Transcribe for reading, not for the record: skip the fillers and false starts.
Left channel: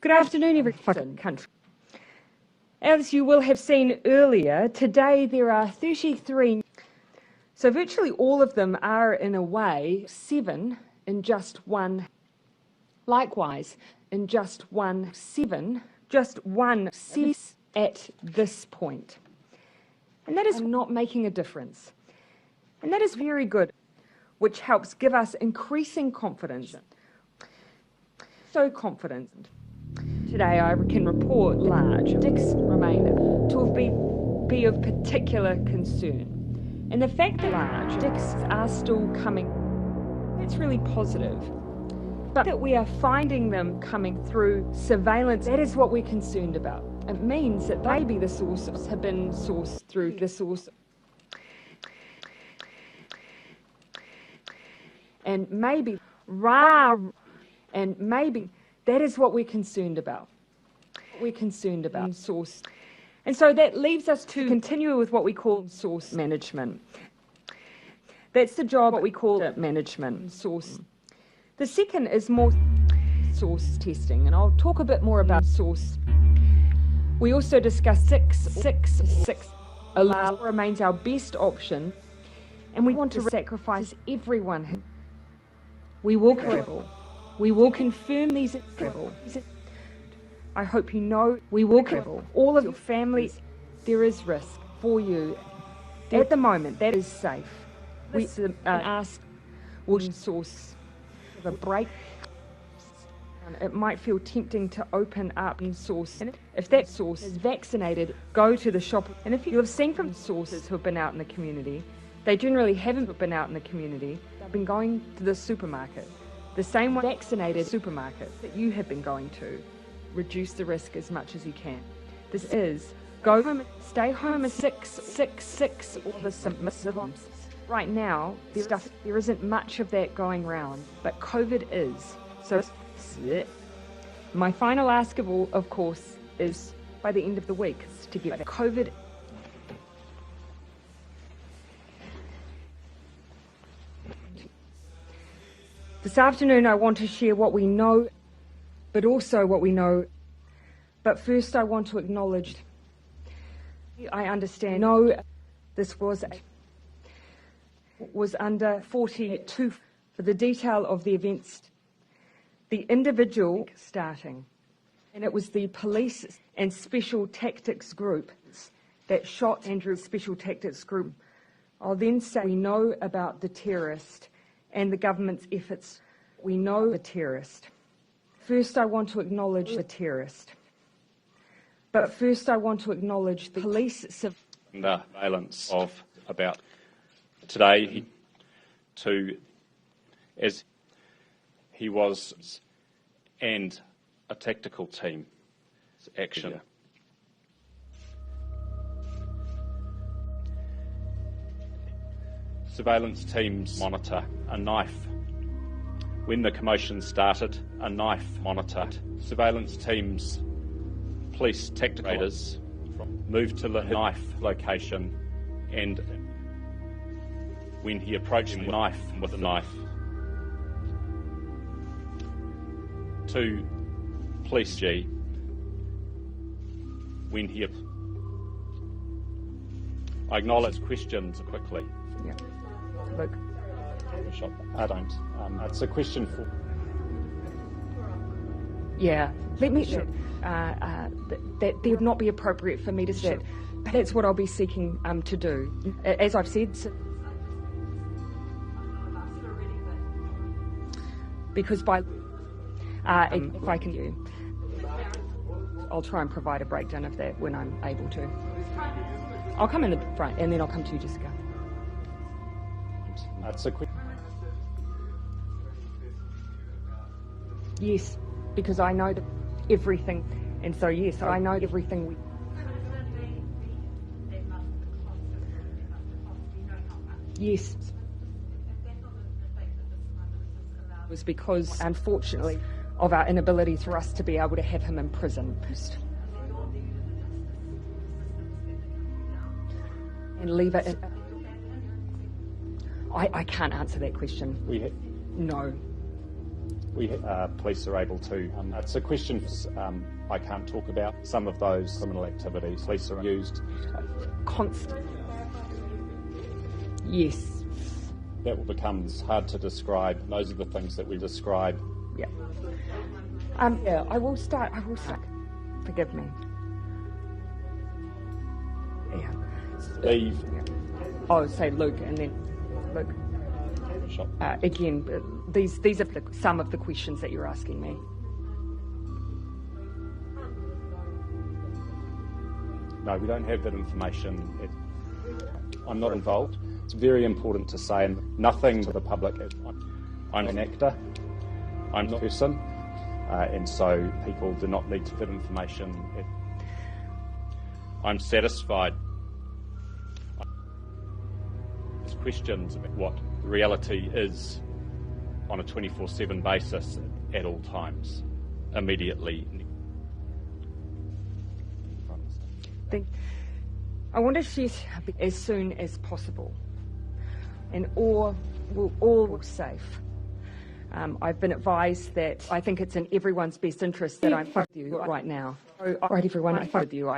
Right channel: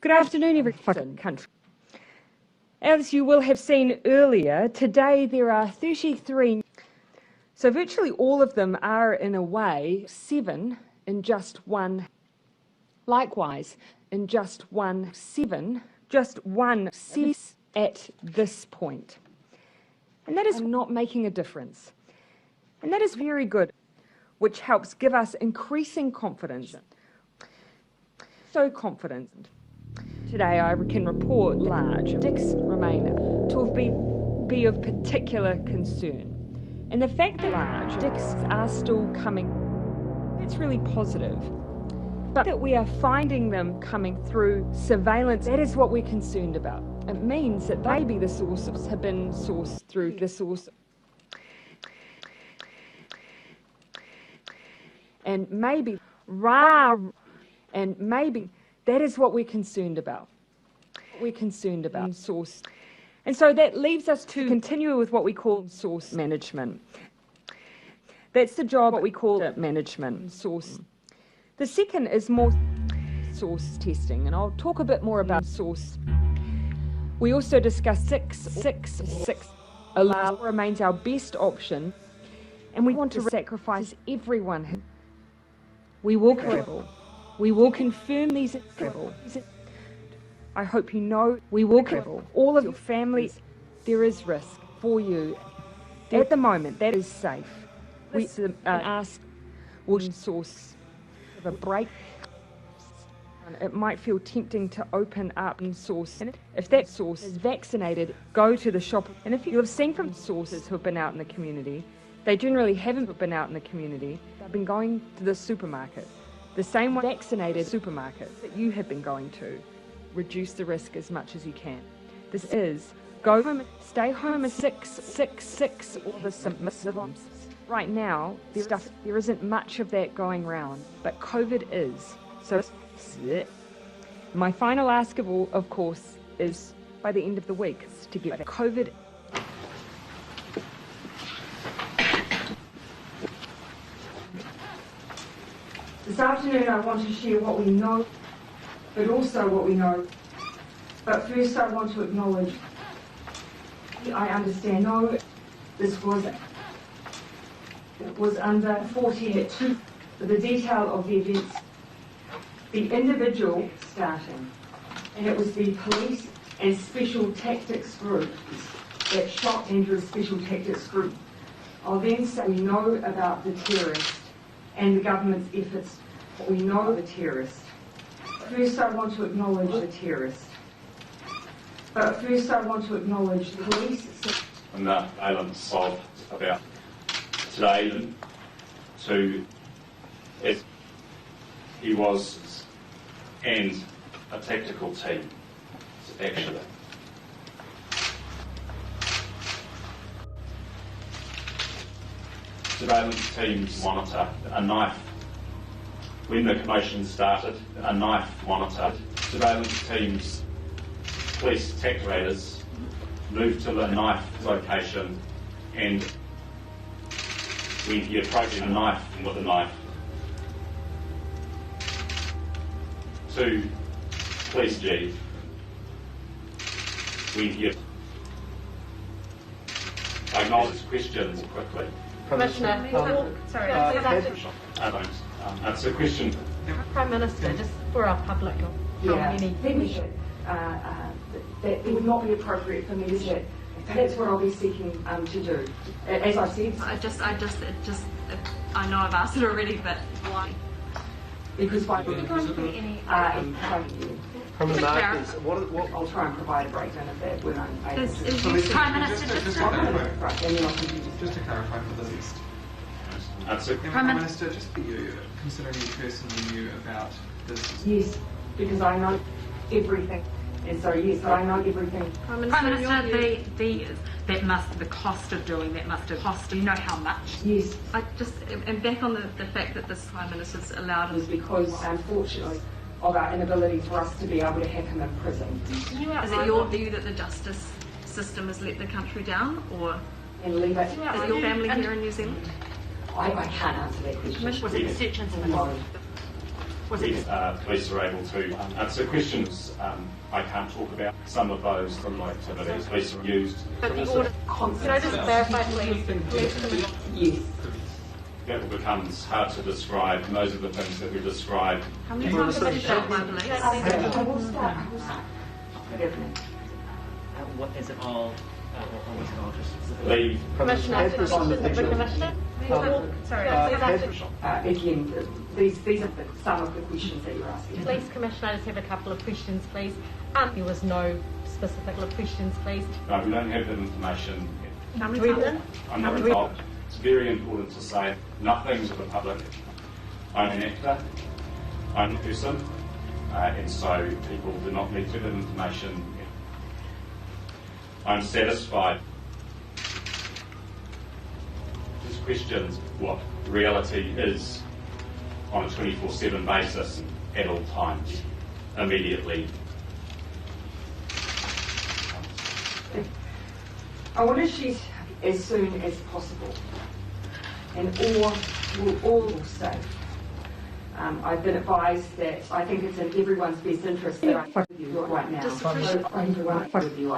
Good afternoon, everyone. Country. As you will have seen earlier, today there are 33, so virtually all of them are in a way 7 in just one. Likewise, in just one 7, just one 6 at this point. And that is not making a difference. And that is very good, which helps give us increasing confidence. So confident. Today I can report large sticks remain to be of particular concern. And the fact that large sticks are still coming, that's really positive. But that we are finding them coming through surveillance, that is what we're concerned about. It means that maybe the sources have been sourced through the source. And maybe, that is what we're concerned about. We're concerned about source. And so that leaves us to continue with what we call source management. That's the job what we call management, source. The second is more source testing, and I'll talk a bit more about source. We also discussed 666. Allow remains our best option, and we want to sacrifice everyone. We will travel. We will confirm these travel. I hope you know we will travel. All of your family, there is risk for you. At the moment, that is safe. We ask, will source of a break? It might feel tempting to open up and source. And if that source is vaccinated, go to the shop. And if you have seen from sources who have been out in the community, they generally haven't been out in the community. They've been going to the supermarket. The same vaccinated supermarket that you have been going to. Reduce the risk as much as you can. This is go home, stay home is 666 or the symptoms. Right now, there isn't much of that going around, but COVID is. So my final ask of all, of course, is by the end of the week to get COVID. This afternoon I want to share what we know, but also what we know. But first I want to acknowledge, I understand, no, this was under 42. The detail of the events, the individual starting, and it was the police and special tactics group that shot Andrew's special tactics group. I'll then say we know about the terrorist and the government's efforts. We know the terrorist. First I want to acknowledge the terrorist. But first I want to acknowledge the police. And the elements of about today to as he was and a tactical team actually. Surveillance teams monitor a knife. When the commotion started, a knife monitored. Surveillance teams, police tacticators moved to the knife location, and when he approached the knife with a knife, 2 police G. When he I acknowledge questions quickly. Commissioner, sorry. It's a question. Prime Minister, just for our public. Yeah, let me share. That would not be appropriate for me to say. That's what I'll be seeking to do. As I've said. I know I've asked it already, but why? Because by if I can do. From the markers, what I'll try and provide a breakdown of that when I'm able to. Prime Minister, I'll come in the front and then I'll continue. Just to clarify for the list. Prime Minister, just for you, considering you personally knew about this. Yes, because I know everything. And so yes, I know everything. Prime Minister, the cost of doing that must have cost. Do you know how much? Yes. And back on the fact that this Prime Minister's allowed us. Because unfortunately of our inability for us to be able to have him in prison. Is it your view that the justice system has let the country down, or and leave it? Is your family here in New Zealand? I can't answer that question. Was it the search and no. Police are able to answer questions. I can't talk about some of those criminal activities police are used. Can I just clarify, please? Yes. That becomes hard to describe. Those are the things that we describe. How many times have you shot one, please? I will start. Forgive me. What is it all? Leave. Commissioner, Commissioner? Sorry, Again, these are some of the questions that you're asking. Please, Commissioner, I just have a couple of questions, please. There was no specific questions, please. No, we don't have that information. How many times? I'm not involved. It's very important to say nothing to the public. I'm an actor. I'm a person, and so people do not need to get information. I'm satisfied. This questions what reality is on a 24/7 basis at all times, immediately. I want to shoot as soon as possible, and we'll all look safe. I've been advised that I think it's in everyone's best interest that I fight with you right now. Right, everyone, I fight with you.